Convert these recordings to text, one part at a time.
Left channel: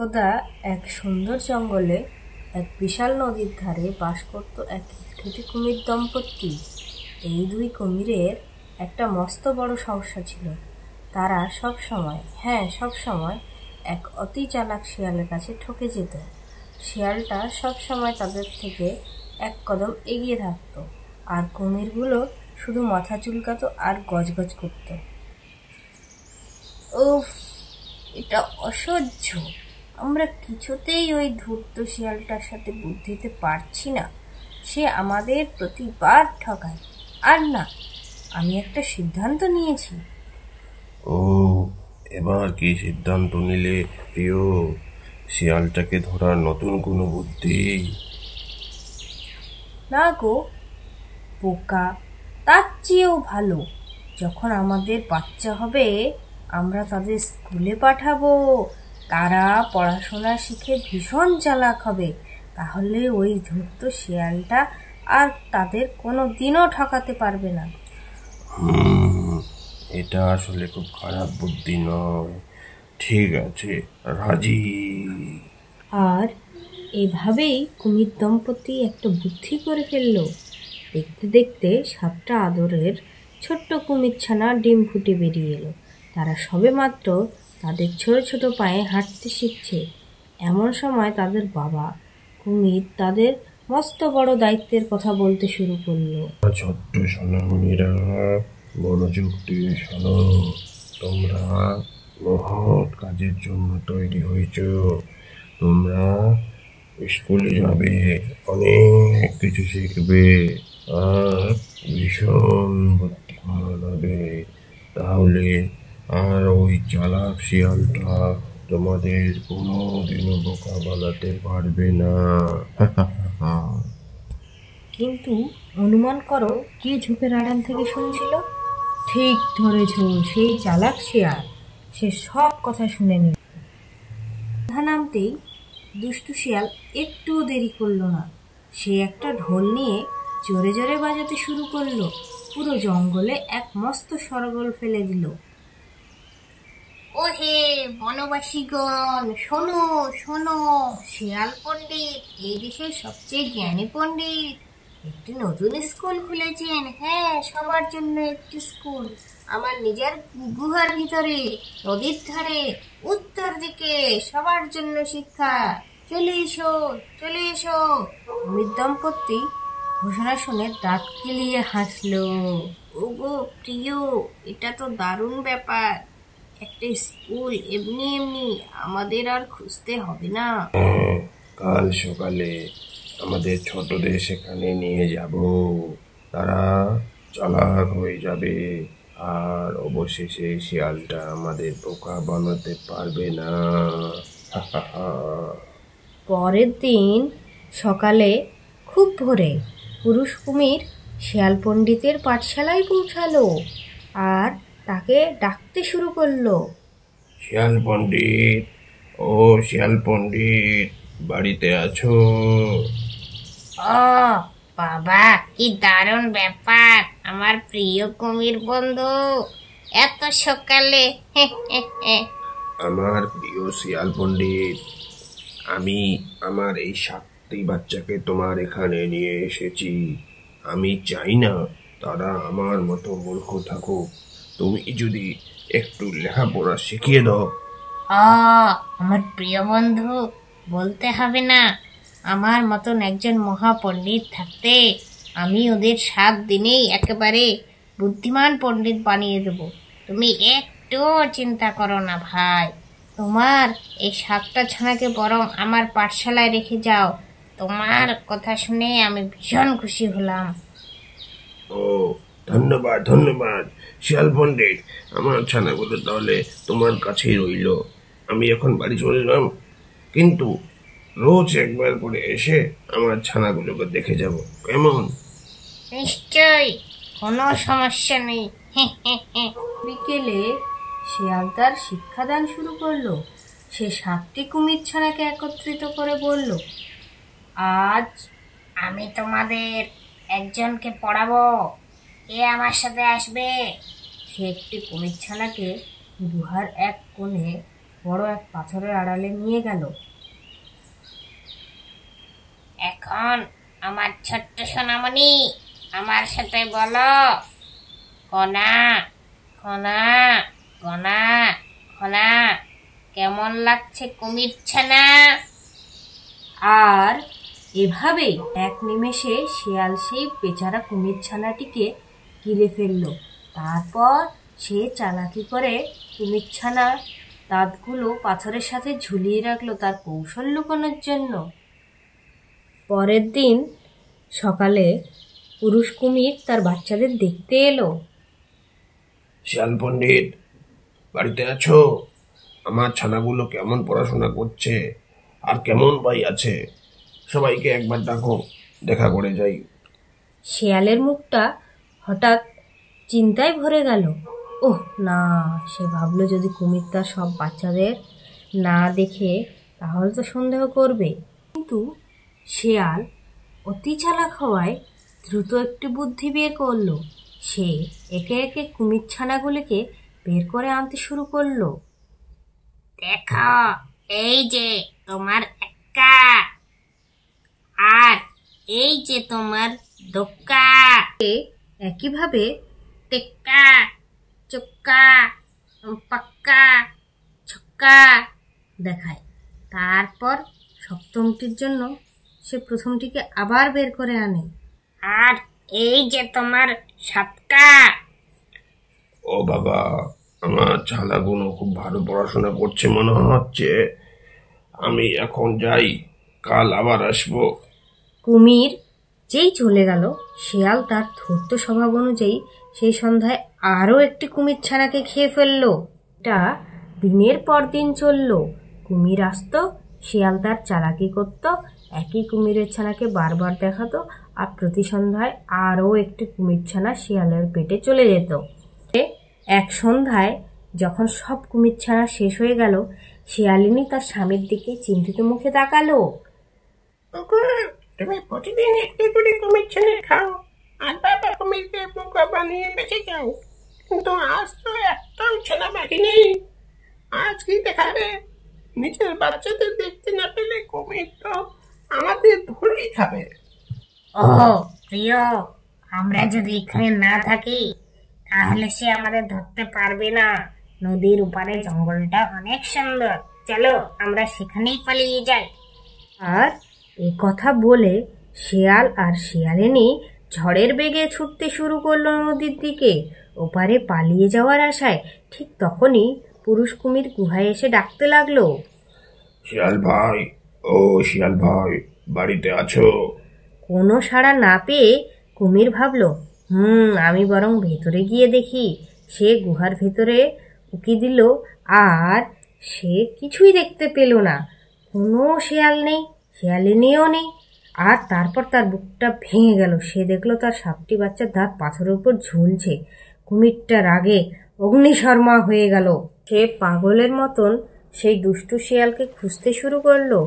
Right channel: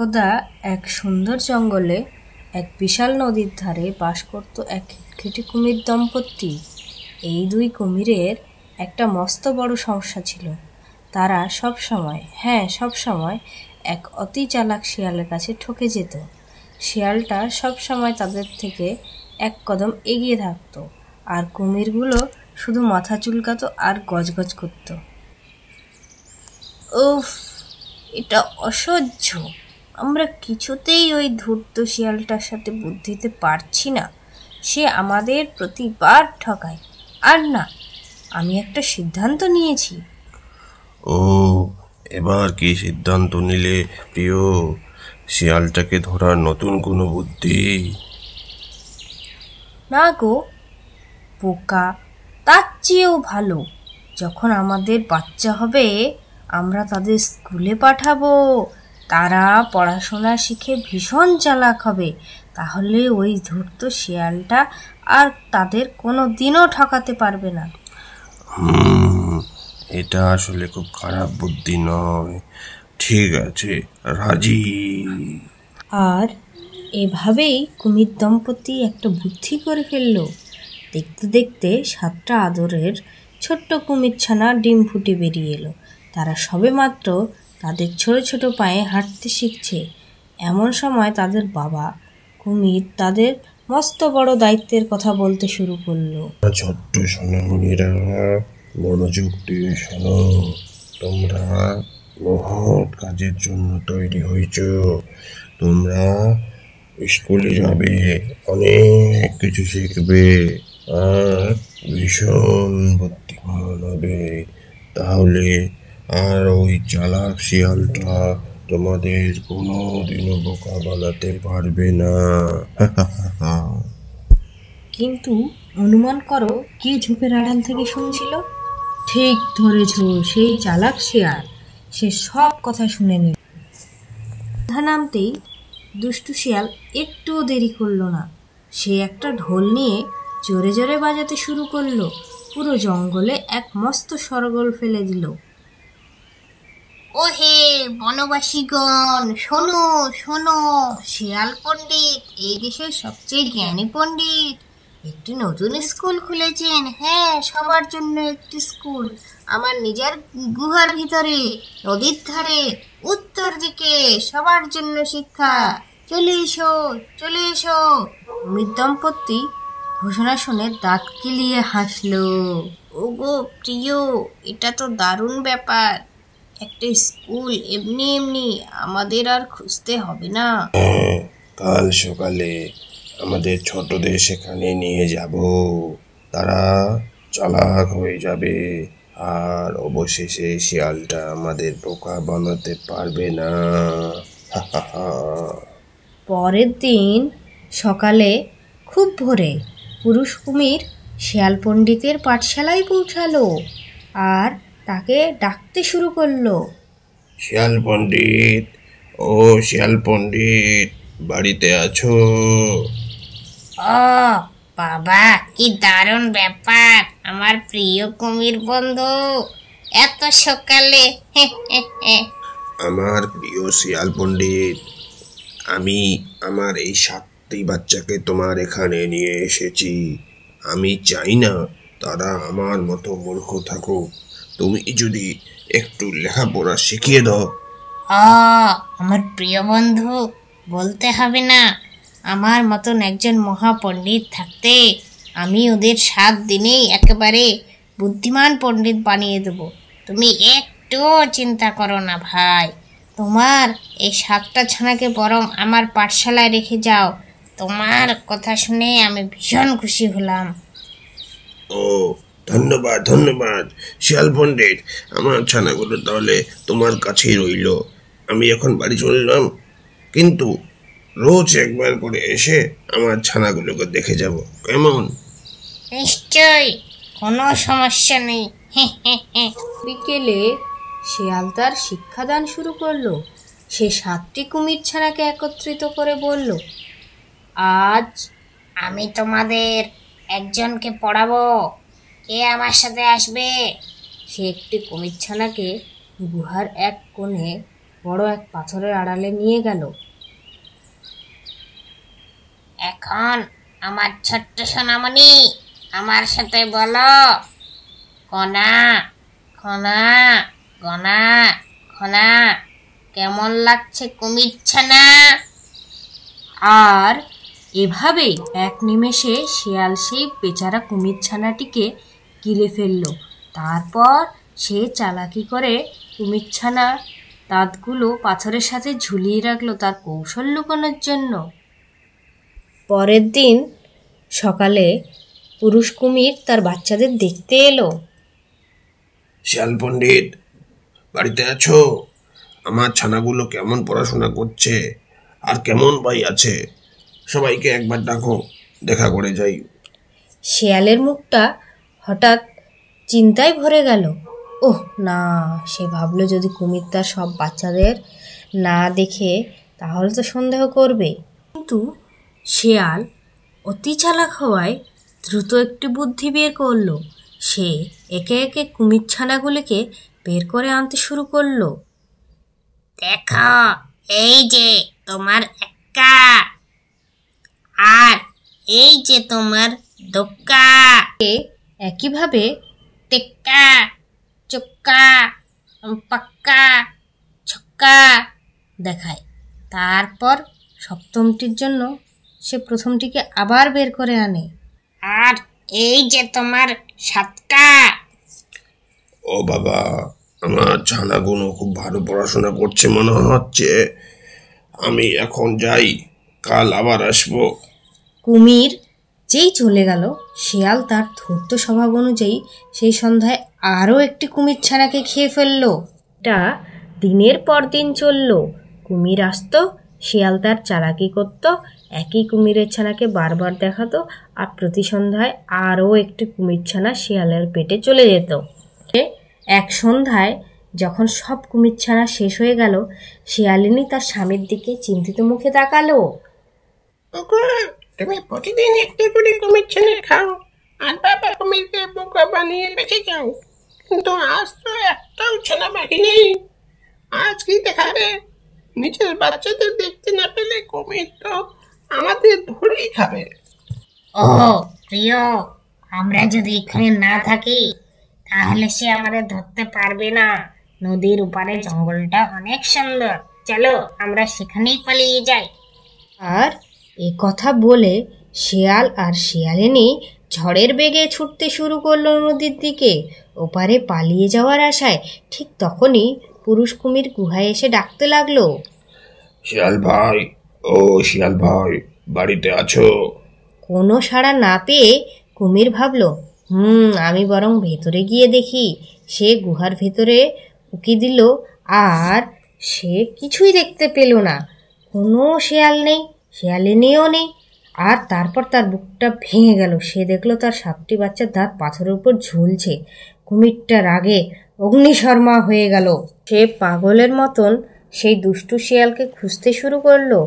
একদা এক সুন্দর জঙ্গলে এক বিশাল নদীর ধারে বাস করত এক খিটখিটে কুমির দম্পতি। এই দুই কুমিরের একটা মস্ত বড় সমস্যা ছিল। তারা সব সময় এক অতি চালাক শিয়ালের কাছে ঠকে যেত। শিয়ালটা সব সময় তাদের থেকে এক কদম এগিয়ে থাকতো, আর কুমিরগুলো শুধু মাথা চুলকাতো আর গজগজ করত। উফ, এটা অসহ্য! আমরা কিছুতেই ওই ধূর্ত শিয়ালটার সাথে বুদ্ধি দিতে পারছি না। সে আমাদের প্রতিবার ঠকায়। আর না, আমি একটা সিদ্ধান্ত নিয়েছি। ও, এবার কি সিদ্ধান্ত নিলে প্রিয়? শিয়ালটাকে ধরার নতুন কোনো বুদ্ধি? না গো বোকা, তার চেয়েও ভালো। যখন আমাদের বাচ্চা হবে, আমরা তাদের স্কুলে পাঠাবো। তারা পড়াশোনা শিখে ভীষণ চালাক হবে। তাহলে ওই ধূর্ত শিয়ালটা আর তাদের কোনো দিনও ঠকাতে পারবে না। এটা আসলে খুব খারাপ বুদ্ধি নয়। ঠিক আছে, রাজি। আর এভাবেই কুমির দম্পতি একটা বুদ্ধি করে ফেলল। দেখতে দেখতে 7টা আদরের ছোট্ট কুমির ছানা ডিম ফুটে বেরিয়ে এলো। তারা সবেমাত্র তাদের ছোট ছোট পায়ে হাঁটতে শিখছে। এমন সময় তাদের বাবা কুমির তাদের মস্ত বড় দায়িত্বের কথা বলতে শুরু করলো। ছোট্ট সোনামণিরা, মনোযোগ দিয়ে শোনো। তোমরা মহৎ কাজের জন্য তৈরি হয়েছ। তোমরা স্কুলে যাবে, অনেক কিছু শিখবে, আর ভীষণ বুদ্ধিমান হবে। তাহলে আর ওই চালাক শিয়ালটা তোমাদের কোনোদিনও বোকা বানাতে পারবে না। কিন্তু অনুমান করো কে ঝোপের আড়াল থেকে শুনছিল? ঠিক ধরেছ, সেই চালাক শিয়াল। সে সব কথা শুনে নিল। সন্ধ্যা নামতেই দুষ্টু শিয়াল একটুও দেরি করলো না। সে একটা ঢোল নিয়ে জোরে জোরে বাজাতে শুরু করলো। পুরো জঙ্গলে এক মস্ত শোরগোল ফেলে দিল। ওহে বনবাসীগণ, শোনো শোনো, শিয়াল পণ্ডিত এই দেশের সবচেয়ে জ্ঞানী পণ্ডিত একটি নতুন স্কুল খুলেছেন। হ্যাঁ, সবার জন্য একটি স্কুল, আমার নিজের গুহার ভিতরে, নদীর ধারে, উত্তর দিকে, সবার জন্য শিক্ষা। চলে এসো, চলে এসো। কুমির দম্পতি ঘোষণা শুনে দাঁত কিলিয়ে হাসলো। ওগো প্রিয়, এটা তো দারুণ ব্যাপার। একটা স্কুল এমনি এমনি আমাদের আর খুঁজতে হবে না। কাল সকালে আমাদের ছোটদের সেখানে নিয়ে যাব। তারা চালাক হয়ে যাবে, আর অবশেষে শিয়ালটা আমাদের বোকা বানাতে পারবে না। পরের দিন সকালে খুব ভোরে পুরুষ কুমির শিয়াল পণ্ডিতের পাঠশালায় পৌঁছালো আর তাকে ডাকতে শুরু করলো। শিয়াল পণ্ডিত, ও শিয়াল পণ্ডিত, বাড়িতে আছো? ও বাবা, কি দারুণ ব্যাপার আমার প্রিয় কুমির বন্ধু, এত সকালে। আমার প্রিয় শিয়াল পণ্ডিত, আমি আমার এই 7টি বাচ্চাকে তোমার এখানে নিয়ে এসেছি। আমি চাই না তারা আমার মতো মূর্খ থাকুক। তুমি যদি একটু লেখাপড়া শিখিয়ে দাও। ও আমার প্রিয় বন্ধু, বলতে হবে না। আমার মতন একজন মহাপণ্ডিত থাকতে আমি ওদের 7 দিনেই একেবারে বুদ্ধিমান পণ্ডিত বানিয়ে দেব। তুমি একটু চিন্তা করো না ভাই। তোমার এই 7টা ছানাকে বরং আমার পাঠশালায় রেখে যাও। তোমার কথা শুনে আমি ভীষণ খুশি হলাম। ও, ধন্যবাদ ধন্যবাদ শিয়াল পণ্ডিত। আমার ছানাগুলো তাহলে তোমার কাছেই রইল। আমি এখন বাড়ি চলে এলাম, কিন্তু রোজ একবার করে এসে আমার ছানাগুলোকে দেখে যাব, কেমন? নিশ্চয়, কোনো সমস্যা নেই। বিকেলে শিয়াল তার শিক্ষাদান শুরু করলো। সে 7টি কুমির ছানাকে একত্রিত করে বলল, আজ আমি তোমাদের একজনকে পড়াবো। কে আমার সাথে আসবে? সে একটি কুমির ছানাকে গুহার এক কোণে বড় এক পাথরের আড়ালে নিয়ে গেল। এখন আমার ছোট্ট সোনামণি আমার সাথে বলো, কণা খনা গনা খনা, কেমন লাগছে কুমির ছানা? আর এভাবেই এক নিমেষে শিয়াল সেই বেচারা কুমির ছানাটিকে গিলে ফেলল। তারপর সে চালাকি করে কুমির ছানার দাঁতগুলো পাথরের সাথে ঝুলিয়ে রাখলো তার কৌশল লুকানোর জন্য। পরের দিন সকালে পুরুষ কুমির তার বাচ্চাদের দেখতে এলো। শিয়াল পণ্ডিত, বাড়িতে আছো? আমার ছানাগুলো কেমন পড়াশোনা করছে আর কেমন ভাই আছে, সবাইকে একবার ডাকো, দেখা করে যাই। শিয়ালের মুখটা হঠাৎ চিন্তায় ভরে গেল। ওহ না, সে ভাবলো যদি কুমির তার সব বাচ্চাদের না দেখে তাহলে তো সন্দেহ করবে। কিন্তু শিয়াল অতি চালাক হওয়ায় দ্রুত একটি বুদ্ধি বের করলো। সে একে একে কুমির ছানাগুলিকে বের করে আনতে শুরু করলো। দেখো, এই যে তোমার এক্কা, আর এই যে তোমার দোক্কা, একইভাবে টেক্কা, চোক্কা, পাক্কা, ছক্কা দেখায়। তারপর সপ্তমটির জন্য সে প্রথমটিকে আবার বের করে আনে। আর এই যে তোমার সাতকা। ও বাবা, আমার ছানাগুলো খুব ভালো পড়াশোনা করছে মনে হচ্ছে। আমি এখন যাই, কাল আবার আসবো। কুমির যেই চলে গেল, শিয়াল তার ধূর্ত স্বভাব অনুযায়ী সেই সন্ধ্যায় আরও একটি কুমির ছানাকে খেয়ে ফেলল। এটা দিনের পর দিন চলল। কুমির আসতো, শিয়াল তার চালাকি করত, একই কুমিরের ছানাকে বারবার দেখাতো, আর প্রতি সন্ধ্যায় আরও একটি কুমির ছানা শিয়ালের পেটে চলে যেত। এক সন্ধ্যায় যখন সব কুমির ছানা শেষ হয়ে গেল, শিয়ালিনী তার স্বামীর দিকে চিন্তিত মুখে তাকালো। তুমি প্রতিদিন একটু করে কুমির ছানা খাও আর বাবা কুমিরকে বোকা বানিয়ে বেঁচে যাও, কিন্তু আজ তো একটাও ছানা বাকি নেই। আজ কি দেখাবে? নিজের বাচ্চাদের দেখতে না পেলে কুমির তো আমাদের ধরেই খাবে। ও প্রিয়, আমরা যদি এখানে না থাকি তাহলে সে আমাদের ধরতে পারবে না। নদীর উপারে জঙ্গলটা অনেক সুন্দর, চলো আমরা সেখানেই পালিয়ে যাই। আর এ কথা বলে শিয়াল আর শিয়ালিনী ঝড়ের বেগে ছুটতে শুরু করলো নদীর দিকে, ওপারে পালিয়ে যাওয়ার আশায়। ঠিক তখনই পুরুষ কুমির গুহায় এসে ডাকতে লাগলো। শিয়াল ভাই, ও শিয়াল ভাই, বাড়িতে আছো? কোনো সাড়া না পেয়ে কুমির ভাবল, আমি বরং ভেতরে গিয়ে দেখি। সে গুহার ভেতরে উকি দিল, আর সে কিছুই দেখতে পেল না। কোনো শিয়াল নেই, শিয়ালিনীও নেই। আর তারপর তার বুকটা ভেঙে গেল। সে দেখলো তার 7টি বাচ্চার দাঁত পাথরের উপর ঝুলছে। কুমিরটা রাগে অগ্নিশর্মা হয়ে গেল। সে পাগলের মতন সেই দুষ্টু শিয়ালকে খুঁজতে শুরু করলো।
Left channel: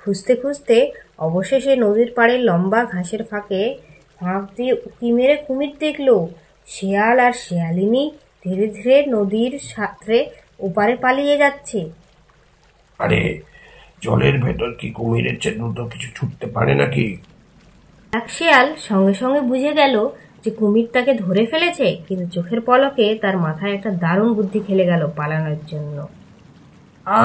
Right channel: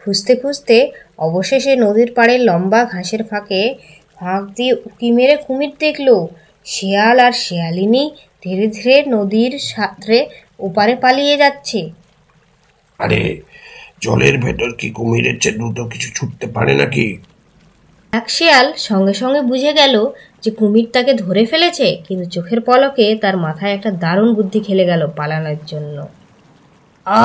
খুঁজতে খুঁজতে অবশেষে নদীর পাড়ে লম্বা ঘাসের ফাঁক দিয়ে উঁকি মেরে কুমির দেখলো। শিয়াল আর শিয়ালিনী ধীরে ধীরে নদীর সাঁতরে ওপারে পালিয়ে যাচ্ছে। আরে, জলের ভেতর কি কুমিরের চেয়ে দ্রুত কিছু ছুটতে পারে নাকি? এক শিয়াল সঙ্গে সঙ্গে বুঝে গেল যে কুমির তাকে ধরে ফেলেছে, কিন্তু চোখের পলকে তার মাথায় একটা দারুণ বুদ্ধি খেলে গেল পালানোর জন্য। ও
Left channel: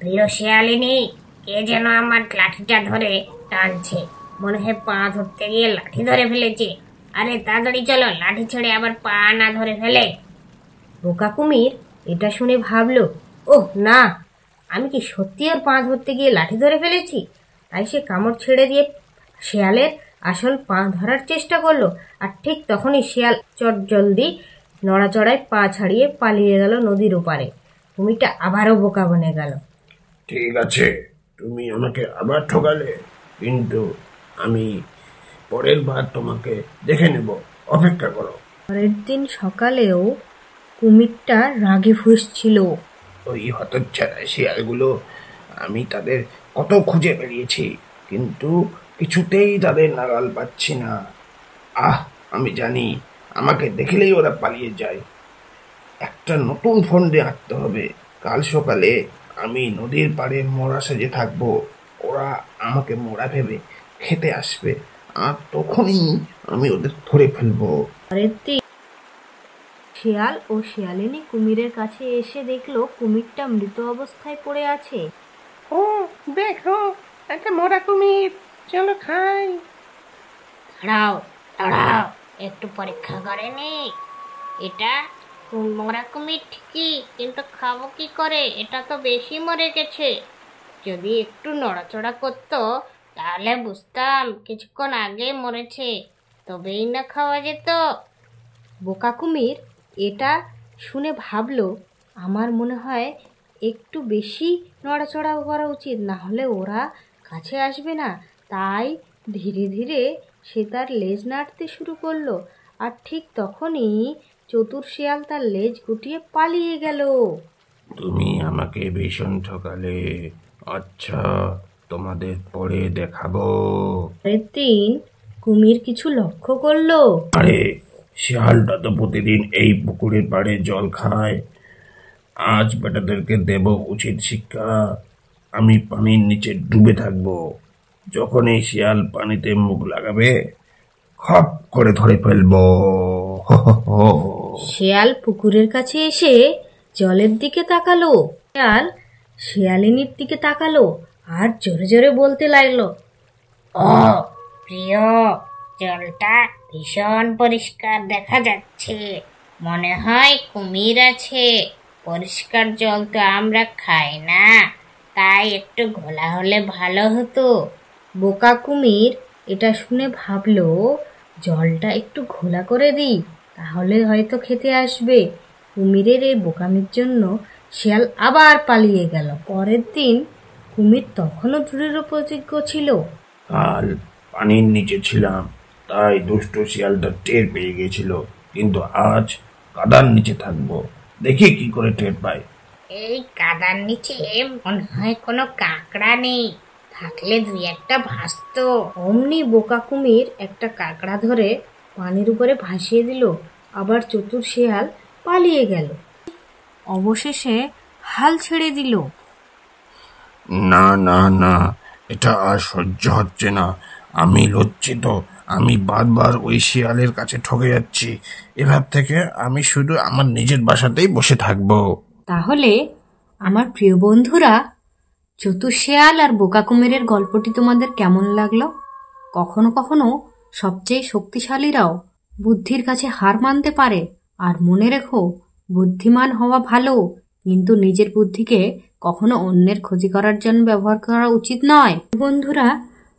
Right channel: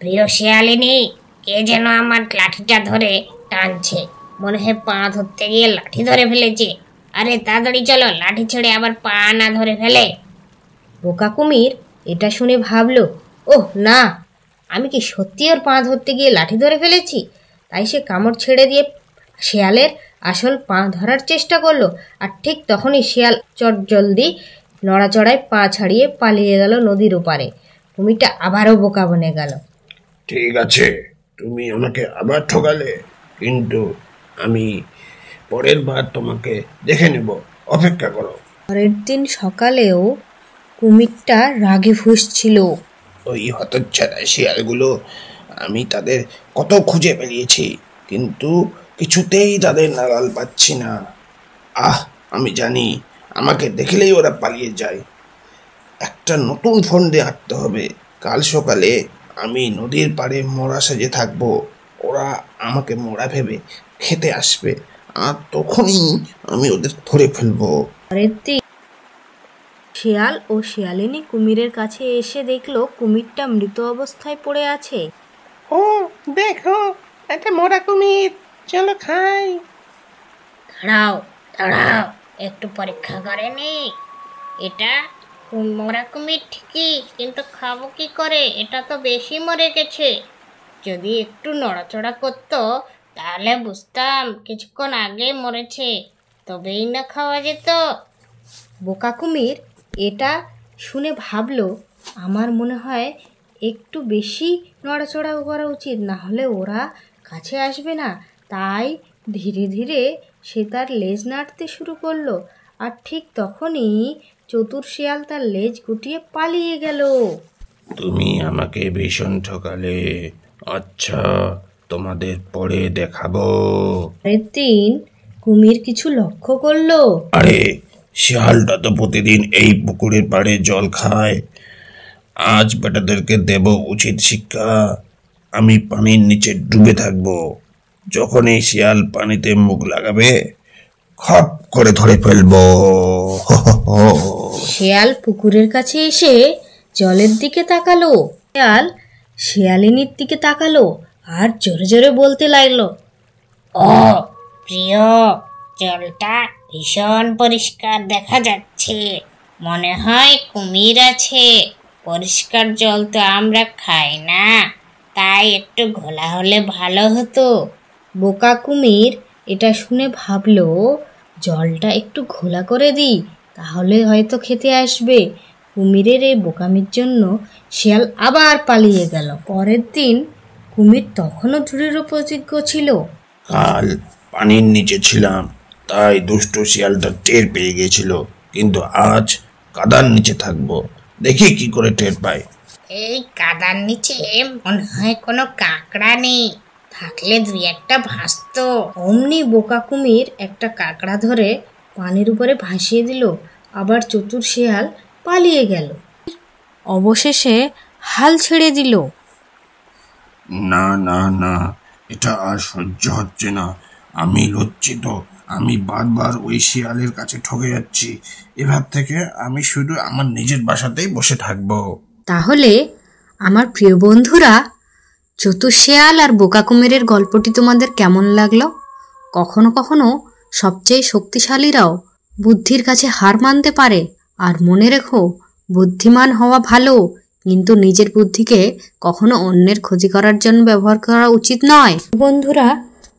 প্রিয় শিয়ালিনী, কে যেন আমার লাঠিটা ধরে টানছে, মনে হয় পা ধরতে গিয়ে লাঠি ধরে ফেলেছে। আরে তাড়াতাড়ি চলো, লাঠি ছেড়ে আবার পা না ধরে ফেলে। বোকা কুমির এটা শুনে ভাবল, ওহ না, আমি কি সত্যি ওর পা ধরতে গিয়ে লাঠি ধরে ফেলেছি? তাই সে কামড় ছেড়ে দিয়ে শিয়ালের আসল পা ধরার চেষ্টা করলো। আর ঠিক তখনই শিয়াল চটজলদি নড়াচড়ায় পা ছাড়িয়ে পালিয়ে গেল নদীর ওপারে। কুমিরটা আবারও বোকা বনে গেল। ঠিক আছে, তুমি আমাকে আবার ঠকালে, কিন্তু আমি পরের বার তোমাকে দেখে নেব, অপেক্ষা করো। পরের দিন সকালেও কুমিরটা রাগে ফুঁসছিল। ওই হতচ্ছাড়া শিয়ালগুলো, আমি তাদের কত খুঁজে বেরিয়েছি, কিন্তু কিছুতেই তাদের নাগাল পাচ্ছি না। আমি জানি আমাকে দেখলেই ওরা পালিয়ে যায়। একটা নতুন ফন্দি আঁকতে হবে। কাল সকালে আমি নদীর পাড়ে মোড়া সেজে থাকবো। ওরা আমাকে মোড়া ভেবে খেতে আসবে, আর তখনই আমি ওদের ধরে ফেলবো। পরের দিন শিয়াল ও শিয়ালিনী কুমিরের কাছে এসে দেখলো কুমিরটা মৃত অবস্থায় পড়ে আছে। ও দেখো, এটা মোরা কুমির, চলো খাই। দাঁড়াও দাঁড়াও, একটু পরীক্ষা করে নি। এটা মরা কুমির ঠিকই, কিন্তু খাবো কি করে? এটা তো বেশি মরে গেছে। যদি একটু নড়াচড়া করতো তাহলে বুঝতাম কিছুক্ষণ আগে মরেছে, তবেই না খাওয়া যেত। বোকা কুমির এটা শুনে ভাবলো, আমার মনে হয় একটু বেশি নড়াচড়া করা উচিত, না হলে ওরা কাছে আসবে না। তাই ধীরে ধীরে সে তার লেজ নাড়তে শুরু করলো, আর ঠিক তখনই চতুর শিয়াল তার লেজ গুটিয়ে পালিয়ে গেল। তুমি আমাকে ভীষণ ঠকালে। আচ্ছা, তোমাদের পরে দেখাবো। পরের দিন কুমির কিছু লক্ষ্য করলো। আরে, শিয়ালটা তো প্রতিদিন এই পুকুরের পাড়ে জল খায়। আজ বেটাদেরকে দেব উচিত শিক্ষা। আমি পানির নিচে ডুবে থাকবো। যখন এই শিয়াল পানিতে মুখ লাগাবে, খপ করে ধরে ফেলবো। শিয়াল পুকুরের কাছে এসে জলের দিকে তাকালো। শিয়াল শিয়ালিনীর দিকে তাকালো আর জোরে জোরে বলতে লাগলো, ও প্রিয়, জলটা ভীষণ পরিষ্কার দেখা যাচ্ছে, মনে হয় কুমির আছে। পরিষ্কার জল তো আমরা খাই না, তাই একটু ঘোলা হলে ভালো হতো। বোকা কুমির এটা শুনে ভাবলো, জলটা একটু ঘোলা করে দিই, তাহলে হয়তো খেতে আসবে। কুমিরের এই বোকামির জন্য শিয়াল আবার পালিয়ে গেল। পরের দিন কুমির তখনও দৃঢ় প্রতিজ্ঞ ছিল। কাল পানির নিচে ছিলাম, তাই দুষ্টু শিয়ালটা টের পেয়ে গেছিল, কিন্তু আজ কাদার নিচে থাকবো। দেখি কি করে টের পাই। এই কাদার নিচে মনে হয় কোনো কাঁকড়া নেই, থাকলে দুই একটা ভাসতো। অমনি বোকা কুমির একটা কাঁকড়া ধরে পানির উপরে ভাসিয়ে দিল, আবার চতুর শিয়াল পালিয়ে গেল। অবশেষে হাল ছেড়ে দিল। না না না, এটা আর সহ্য হচ্ছে না। আমি লজ্জিত। আমি বারবার ওই শিয়ালের কাছে ঠকে যাচ্ছি। এবার থেকে আমি শুধু আমার নিজের বাসাতেই বসে থাকবো। তাহলে আমার প্রিয় বন্ধুরা, চতুর শিয়াল আর বোকা কুমিরের গল্পটি তোমাদের কেমন লাগলো? কখনো কখনো সবচেয়ে শক্তিশালীরাও বুদ্ধির কাছে হার মানতে পারে। আর মনে রেখো, বুদ্ধিমান হওয়া ভালো, কিন্তু নিজের বুদ্ধিকে কখনো অন্যের ক্ষতি করার জন্য ব্যবহার করা উচিত নয়। বন্ধুরা,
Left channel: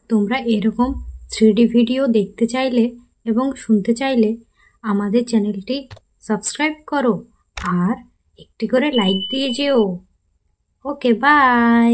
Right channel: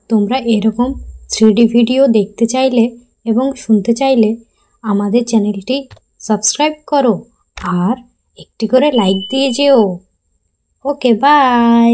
তোমরা এরকম 3D ভিডিও দেখতে চাইলে এবং শুনতে চাইলে আমাদের চ্যানেলটি সাবস্ক্রাইব করো আর একটি করে লাইক দিয়ে যেও। ওকে, বাই।